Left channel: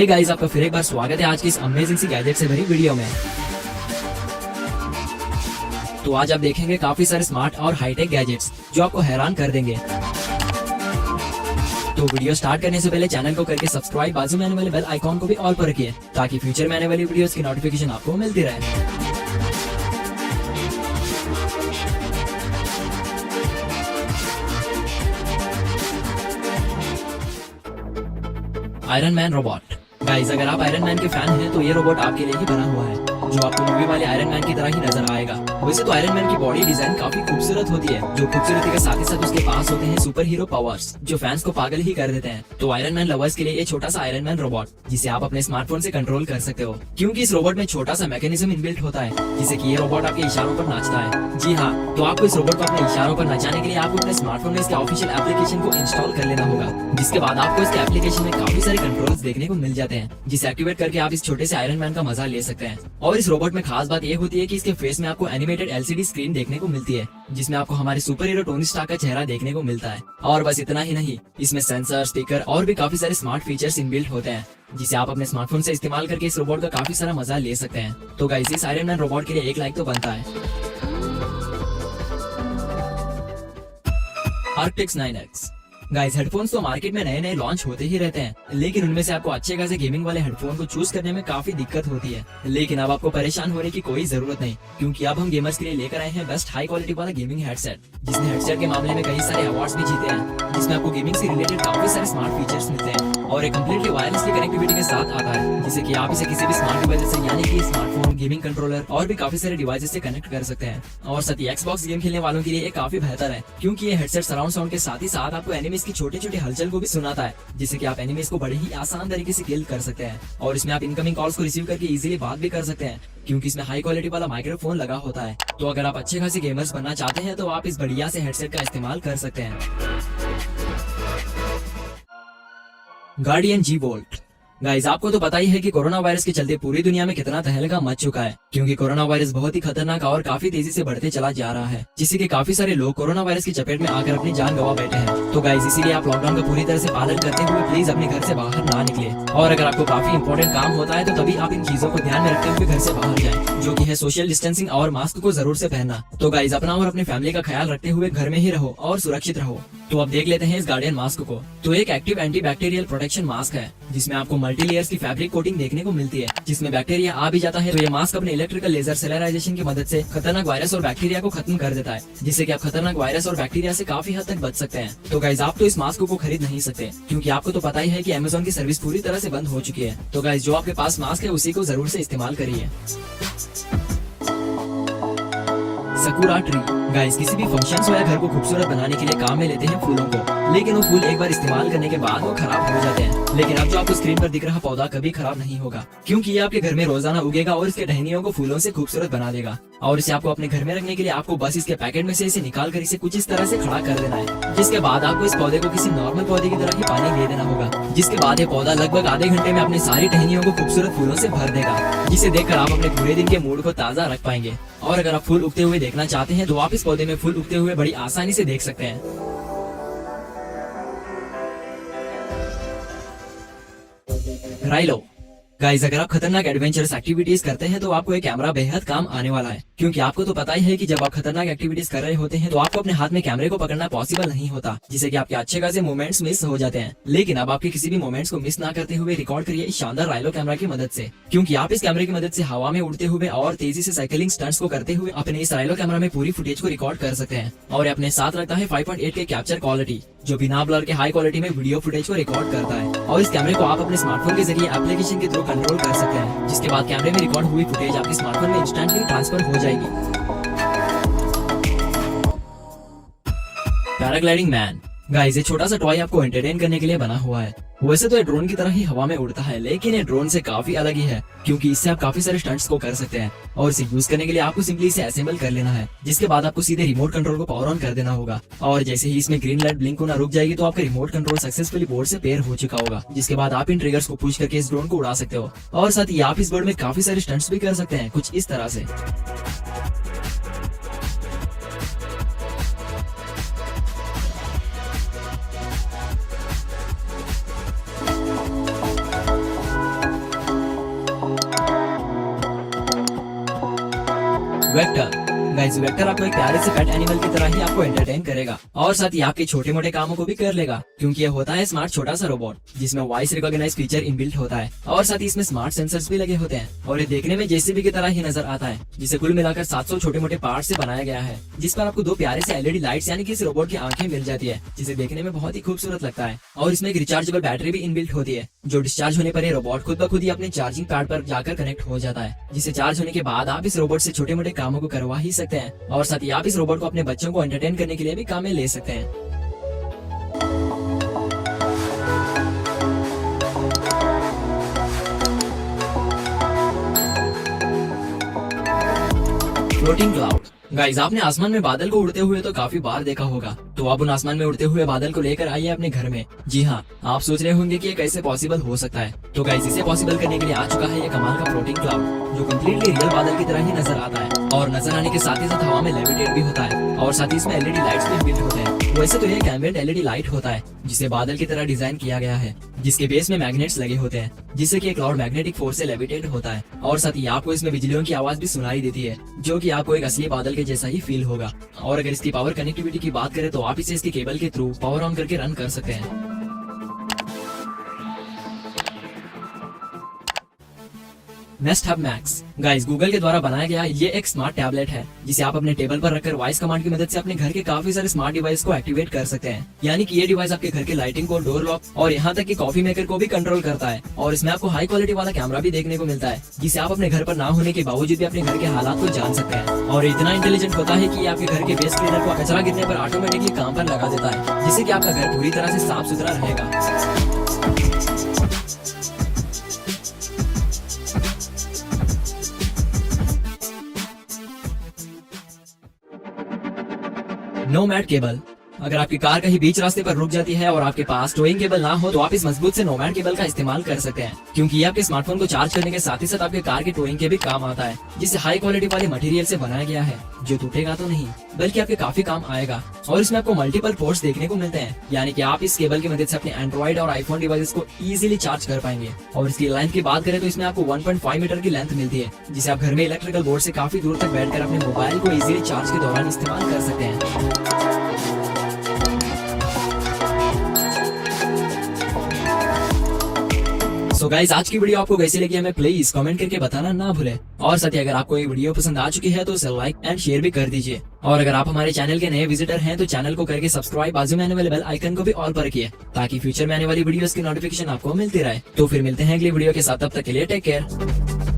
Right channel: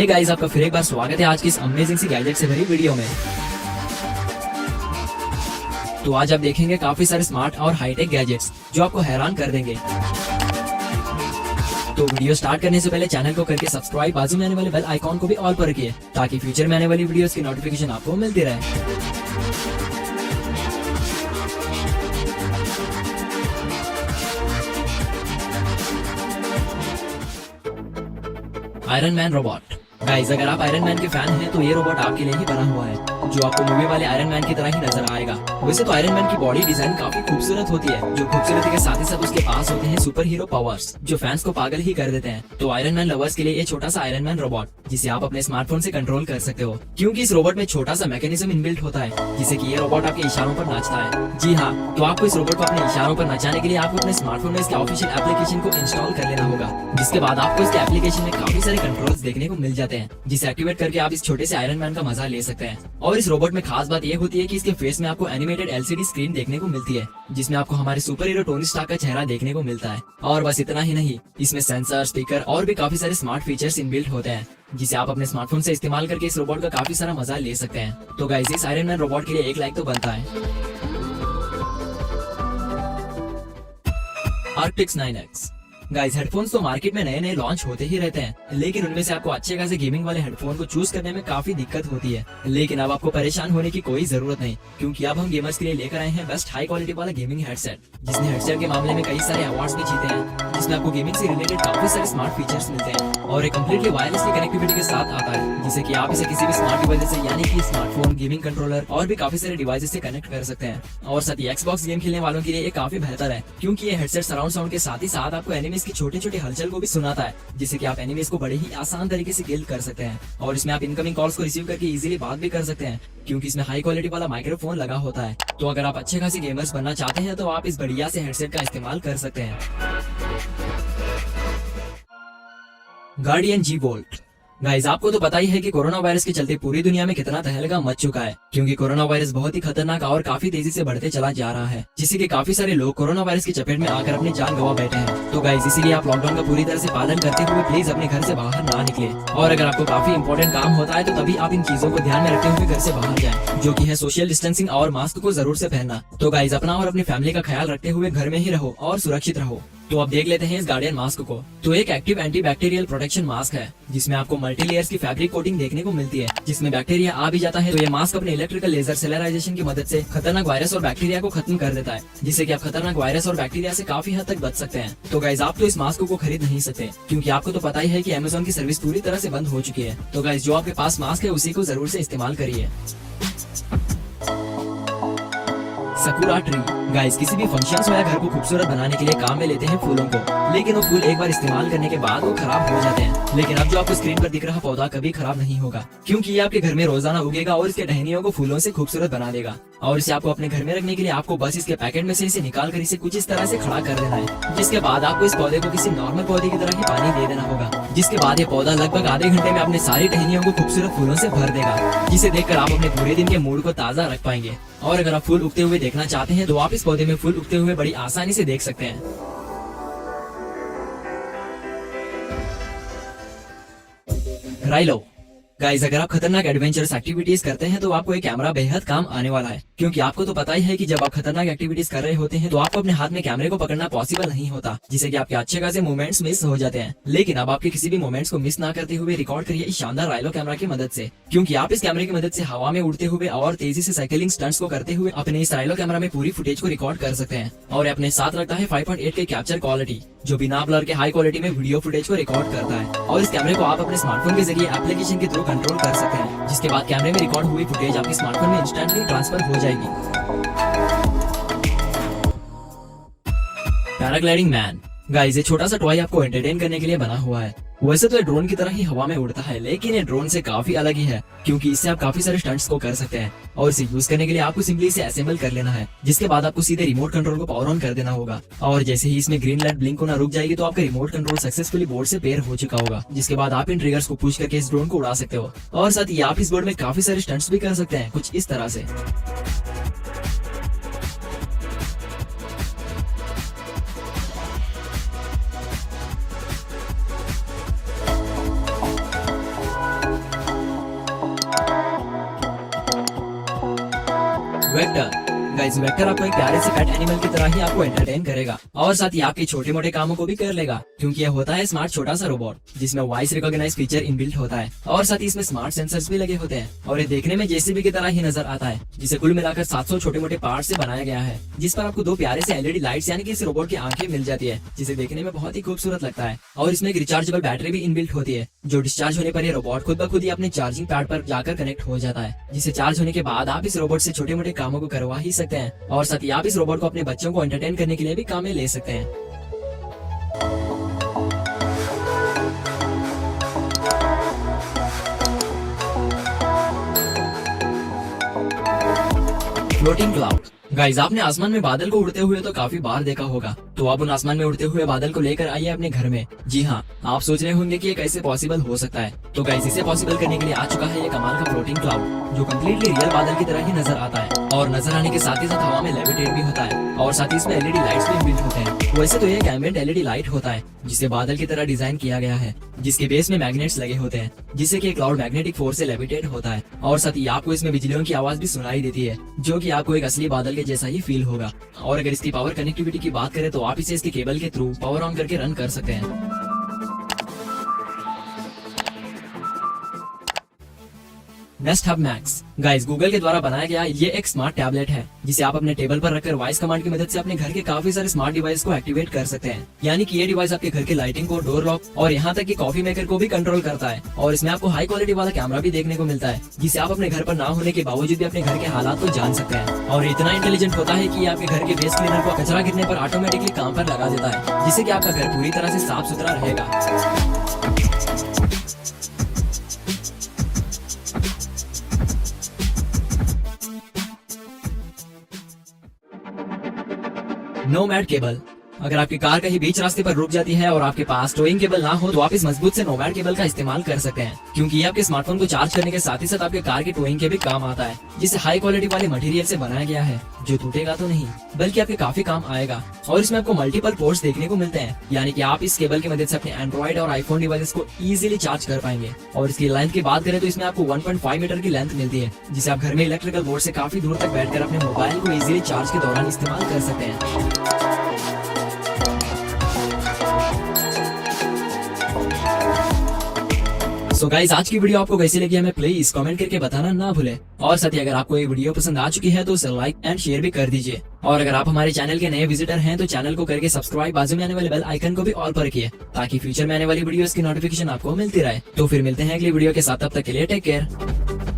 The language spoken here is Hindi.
हे गाइस, आपका फिर एक बार स्वागत है आज की इस अमेजिंग सी गैजेट से भरी वीडियो में। तो आज आप देखेंगे काफी सारे स्मार्ट और हाईटेक गैजेट्स जो आपको हैरान कर देंगे। तो वीडियो स्टार्ट करने से पहले चैनल को करके सब्सक्राइब, बाजू में आने वाले बेल आइकॉन को भी ऑल पर रखिए ताकि फ्यूचर में आने वाली वीडियोस की नोटिफिकेशन आपको मिलती रहे। Iron man robot. गाइस, अगर आप आयरन मैन के फैन हैं तो ये रोबोट आपके लिए ही बना हुआ है, जो आपको मूवी वाले आयरन मैन की तरह ही नजर आएगा। वैसे तो आयरन मैन की बॉडी डिजाइन काफी खूबसूरत होती है, जो खूबसूरती के साथ ही साथ उसके पास होते हैं सुपर हीरो पावर्स जो फैंस को पागल ही कर देते हैं। तो आयरन मैन लवर्स के लिए ये छोटा सा आयरन मैन रोबोट जिसे आप अपने स्मार्टफोन से कंट्रोल कर सकते हो, क्योंकि इस रोबोट में छोटा सा मैकेनिज्म इनबिल्ट होता है जिससे कि ये रोबोट आपके इशारों पर नाचता है। जी हाँ, तो आपको इस रोबोट को अपने इशारों पर नचाने के लिए आपको अपने स्मार्टफोन में इसके ऑफिशियल एप्लीकेशन को इंस्टॉल कर लेना होगा, जिसके बाद आपको इसके एप्लीकेशन में काफी सारे कंट्रोल्स देखने को मिल जाते हैं, जिसे एक्टिवेट करके आप इस छोटे से आयरन मैन का मजा ले सकते हैं। और इस रोबोट में खास बात ये होती है कि इसके फेस में आपको एनिमेटेड एलसीडी स्क्रीन देखने को मिलती है, जिसमें आपको हमारे सुपर हीरो टोनी स्टार्क का चेहरा देखने को मिलता है। और बस इतना ही नहीं, इसमें सेंसर, स्पीकर और भी काफी सारे स्मार्ट फीचर्स इनबिल्ट होते हैं, जिसे आप अपने स्मार्टफोन से इस्तेमाल करके इस रोबोट का काफी सारा मजा ले सकते हैं। तो गाइस, इस आयरन मैन रोबोट के लिए एक लाइक तो बनता है। आर्क्टिक्स 9X। गाइस, हेडफोन्स तो मार्केट में नए नए लॉन्च होते ही रहते हैं, लेकिन उनमें से आपको अच्छे खासे गेमिंग वाले हेडफोन को चूज करने में काफी दिक्कत होती है। लेकिन अब आपको परेशान होने की कोई जरूरत नहीं, क्योंकि अब हम गेमर्स के लिए लेकर आए हैं बेस्ट हाई क्वालिटी वाला गेमिंग हेडसेट, जिसने हेडसेट के मामले में कई सारे अवार्ड्स भी जीते हैं, जिसमें आपको गेमिंग से रिलेटेड काफी सारे स्मार्ट फीचर्स मिलते हैं और एक कम्प्लीटली वायरलेसली कनेक्टिविटी के साथ आता है, जिससे कि आप इसे किसी भी स्मार्ट डिवाइस से यानी कि स्मार्टफोन, गेमिंग कंट्रोलर और भी काफी सारे डिवाइसेस से कनेक्ट कर सकते हैं। और साथ ही एक्सबॉक्स गेम खेलने वालों के लिए ये काफी बेहतर है, क्योंकि ये हेडसेट सराउंड साउंड के साथ ही साथ आपको एनिमीज की छोटे छोटे हलचल को भी सुनाता है, जिससे कि आप एनिमीज को बड़े ही आसान तरीके से किल कर सकते हैं। और इसमें आप इनकमिंग कॉल्स को रिसीव करके इजीली बात भी कर सकते हैं, क्योंकि इसमें हाई क्वालिटी वाला माइक्रोफोन लगा होता है। तो अगर आप अच्छे खासे गेमर्स बनना चाहते हैं तो आप इस बढ़िया से हेडसेट का इस्तेमाल कर सकते हैं। गार्डियन जी वोल्ट। गाइस, आपको तो पता ही है कि कोरोना वायरस के चलते पूरी दुनिया में कितना तहलका मच चुका है, क्योंकि कोरोना वायरस बहुत ही खतरनाक और काफी तेजी से बढ़ते चला जा रहा है, जिससे कि काफी सारे लोग कोरोना वायरस की चपेट में आकर अपनी जान गंवा बैठे हैं। तो गाइस, इसीलिए आप लॉकडाउन का पूरी तरह से पालन करते हुए प्लीज अपने घर से बाहर ना निकले, और अगर आपको काफी इंपॉर्टेंट काम होता है तो तभी आप इन चीजों को ध्यान में रखते हुए घर से बाहर जाएं, जो कि है सोशल डिस्टेंसिंग और मास्क को जरूर से पहनना। तो गाइस, अपना और अपनी फैमिली का ख्याल रखते हुए घर में ही रहो और सुरक्षित रहो। तो अब देख लेते हैं इस गार्डियन मास्क को। तो एक एक्टिव एंटीबैक्टीरियल प्रोटेक्शन मास्क है, जिसमें आपको मल्टी लेयर्स की फैब्रिक कोटिंग देखने को मिलती है, जिसमें बैक्टीरिया आ भी जाता है तो ये मास्क अपने इलेक्ट्रिकल लेजर सेलराइजेशन की मदद से खतरनाक वायरस और बैक्टीरिया को खत्म कर देता है, जिससे कि आप खतरनाक वायरस और बैक्टीरिया से काफी हद तक बच सकते हैं। तो गाइस, आप तो इस मास्क को खरीद नहीं सकते, क्योंकि आपको तो पता ही है कि अमेज़न की सर्विस पूरी तरह से बंद हो चुकी है। तो गाइस, जो आपके पास मास्क है उसी को जरूर से इस्तेमाल करिए। Sakura tree. गाइस, किसी भी फंक्शंस में घर को खूबसूरत बनाने के लिए काम में लेते हैं फूलों को, लेकिन वो फूल एक बार इस्तेमाल करने के बाद वो खराब हो जाते हैं। लेकिन अब जो आपको स्क्रीन पर दिख रहा पौधा कभी खराब नहीं होगा, क्योंकि ये आपके घर में रोजाना उगेगा और इसके टहनियों को फूलों से खूबसूरत बना देगा। और इसे आपको अपने घर में रखने के लिए आपको बस इसके पैकेट में से इसे निकाल कर इसे कुछ इस तरह से खड़ा कर देना है, जिसके बाद आपको इस पौधे को किसी नॉर्मल पौधे की तरह ही पानी दे देना होगा, जिसके बाद ये पौधा लगभग आधे घंटे में अपने सारी टहनियों को खूबसूरत फूलों से भर देगा, जिसे देखकर आप अपने पूरे दिन के मूड को ताजा रख पाएंगे। और अगर आप फूल उगते हुए देखना चाहते हैं तो आप इस पौधे में फूल उगते हुए बड़ी आसानी से देख सकते हैं। राइलो। गाइस, अगर आप खतरनाक एडवेंचरस एक्टिविटीज करते हैं तो आपको एक कैमरा बेहद काम आने वाला है, क्योंकि आपको तो पता ही है कि जब आप खतरनाक एक्टिविटीज कर रहे होते हैं तो आपको अपने हाथ में कैमरे को पकड़ना पॉसिबल नहीं होता, जिससे कि आपके अच्छे खासे मूवमेंट्स मिस हो जाते हैं। लेकिन अब आपके किसी भी मूवमेंट्स को मिस ना करते हुए रिकॉर्ड करिए इस शानदार राइलो कैमरा की मदद से, क्योंकि आप इस कैमरे की मदद से हवा में उड़ते हुए और तेजी से साइकिलिंग स्टंट्स को करते हुए अपने इस राइलो कैमरा में पूरी फुटेज को रिकॉर्ड कर सकते हैं। और अपने साथ रखता है 5.8 के कैप्चर क्वालिटी, जो बिना ब्लर के हाई क्वालिटी में वीडियो फुटेज को रिकॉर्ड करता है। और इस कैमरे को आप अपने स्मार्टफोन के जरिए एप्लीकेशन के थ्रू कंट्रोल कर सकते हैं, जिसके बाद कैमरे में रिकॉर्ड हुई फुटेज आपके स्मार्टफोन में इंस्टेंटली ट्रांसफर हो जाएगी। Paragliding man. गाइस, ये छोटा सा टॉय आपको एंटरटेन करने के लिए बना हुआ है। वैसे तो ये ड्रोन की तरह ही हवा में उड़ता है, लेकिन ये ड्रोन से काफी अलग ही है, क्योंकि इससे आप काफी सारे स्टंट्स को कर सकते हैं। और इसे यूज करने के लिए आपको सिंपली इसे असेंबल कर लेना है, जिसके बाद आपको सीधे रिमोट कंट्रोल को पावर ऑन कर देना होगा। और जैसे ही इसमें ग्रीन लाइट ब्लिंक होना रुक जाएगी तो आपका रिमोट कंट्रोल सक्सेसफुली बोर्ड से पेयर हो चुका होगा, जिसके बाद आप इन ट्रिगर्स को पुश करके इस ड्रोन को उड़ा सकते हो। और साथ ही आप इस बोर्ड में काफी सारे स्टंट्स भी कर सकते हैं, कुछ इस तरह से। वेक्टर। गाइस वेक्टर आपको एक प्यारे से पेट एनिमल की तरह ही आपको एंटरटेन करेगा और साथ ही आपके छोटे मोटे कामों को भी कर लेगा, क्योंकि यह होता है स्मार्ट छोटा सा रोबोट जिसमें वॉइस रिकॉग्नाइज फीचर इनबिल्ट होता है और साथ ही इसमें स्मार्ट सेंसर्स भी लगे होते हैं और ये देखने में जेसीबी की तरह ही नजर आता है, जिसे कुल मिलाकर 700 छोटे मोटे पार्ट से बनाया गया है, जिस पर आपको 2 प्यारे से एलईडी लाइट्स यानी कि इस रोबोट की आंखें मिल जाती है, जिसे देखने में बहुत ही खूबसूरत लगता है। और इसमें एक रिचार्जेबल बैटरी भी इनबिल्ट होती है, जो डिस्चार्ज होने पर ये रोबोट खुद ब खुद ही अपने चार्जिंग पैड पर जाकर कनेक्ट हो जाता है, जिसे चार्ज होने के बाद आप इस रोबोट से छोटे मोटे कामों को करवा ही सकते हैं और साथ ही आप इस रोबोट को अपने बच्चों को एंटरटेन करने के लिए भी काम में ले सकते हैं। Floating cloud. गाइस आपने आसमान में बादल को उड़ते हुए तो काफी बार देखा होगा, तो अब उन आसमान में उड़ते हुए बादल को लेकर आइए अपने घर में। जी हाँ, आप सोच रहे होंगे कि ये कैसे पॉसिबल हो सकता है, तो गाइस इसे पॉसिबल करने के लिए आ चुका है ये कमाल का फ्लोटिंग क्लाउड, जो कम्प्लीटली रियल बादल की तरह ही नजर आता है और नजर आने के साथ ही साथ हवा में लेविटेट भी होता है और साथ ही इसमें एलईडी लाइट्स भी इनबिल्ट होते हैं। वैसे तो ये एक एम्बिएंट एलईडी लाइट होता है जिसे बादल की तरह डिजाइन किया गया है, जिसके बेस में मैग्नेट्स लगे होते हैं, जिससे कि क्लाउड मैग्नेटिक फोर्स से लेविटेट होता है और साथ ही आपको इसमें बिजलियों की आवाज भी सुनाई देती है, जो कि आपको एक असली बादल के जैसा ही फील होगा। और अगर इसकी पावर कनेक्टिविटी की बात करें तो आप इसे इसके केबल के थ्रू पावर ऑन करके रन कर सकते हैं। Nest hub max. Guys Google के द्वारा बनाया गया ये एक स्मार्ट टैबलेट है, जिसे आप अपने टेबल पर रखकर वॉइस कमांड की मदद से अपने घर के काफी सारे स्मार्ट डिवाइस को एक्टिवेट कर सकते हैं। यानी कि ये डिवाइस आपके घर के लाइटिंग को, डोर लॉक और यहाँ तक कि कॉफी मेकर को भी कंट्रोल करता है। और इसमें आपको हाई क्वालिटी वाला कैमरा भी देखने को मिलता है, जिसे आप अपने घर पर ना होने के बावजूद भी अपने घर के हालात को जान सकते हैं। और इतना इंटेलिजेंट होता है कि आपके घर के वेस्ट क्लीनर को कचरा गिरने पर ऑटोमेटिकली काम पर लगा देता है, जिससे कि आपका घर पूरी तरह से साफ सुथरा रहेगा। Nomad cable. अगर आपकी कार कहीं बीच रास्ते पर रुक जाती है और आपके पास टोइंग केबल ना हो, तो आप इस मजबूत से नोमैड केबल का इस्तेमाल कर सकते हैं, क्योंकि ये आपके स्मार्टफोन को चार्ज करने के साथ ही साथ आपके कार के टोइंग के भी काम आता है, जिसे हाई क्वालिटी वाले मटेरियल से बनाया गया है, जो टूटेगा तो नहीं बल्कि आपके काफी काम आएगा। और इसमें आपको मल्टीपल पोर्ट्स देखने को मिलते हैं, यानी कि आप इस केबल की मदद से अपने एंड्रॉइड और आईफोन डिवाइसेस को इजीली चार्ज कर पाएंगे। और इसकी लेंथ की बात करें तो इसमें आपको 1.5 मीटर की लेंथ मिलती है, जिसे आप घर में इलेक्ट्रिकल बोर्ड से काफी दूर तक बैठकर अपने मोबाइल को इजीली चार्ज के दौरान इस्तेमाल कर सकते हैं। सो गाइस आज की वीडियो आपको कैसी लगी हमें प्लीज कमेंट करके बताना ना भूले। और साथ ही अगर आपको ये वीडियो पसंद आ चुकी है तो उसे लाइक एंड शेयर भी कर दीजिए। और अगर आप हमारे चैनल के नए विजिटर हैं तो चैनल को करके सब्सक्राइब, बाजू में आने वाले बेल आइकन को भी ऑल पर रखिए, ताकि फ्यूचर में आने वाली वीडियोस की नोटिफिकेशन आपको मिलती रहे। तो फिर मिलते हैं अगली वीडियो के साथ, तब तक के लिए टेक केयर।